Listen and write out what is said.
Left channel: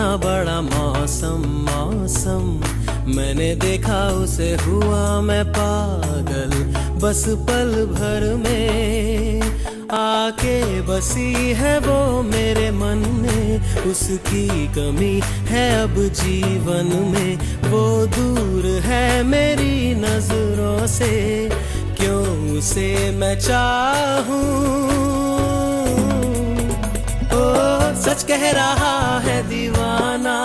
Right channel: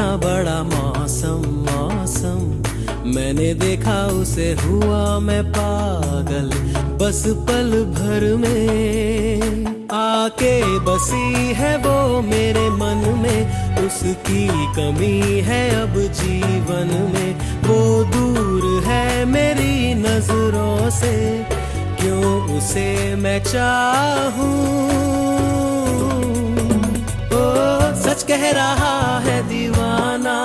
सुहाना बड़ा मौसम मौसम, मैंने देखा उसे हुआ मैं पागल, बस पल भर में आके बसी है वो मेरे मन में। उसकी कमी है अब जीवन में, वो दूर है मेरी नजरों से, क्यों उसे मैं चाहूं। ओ सच कह रहा है दीवाना,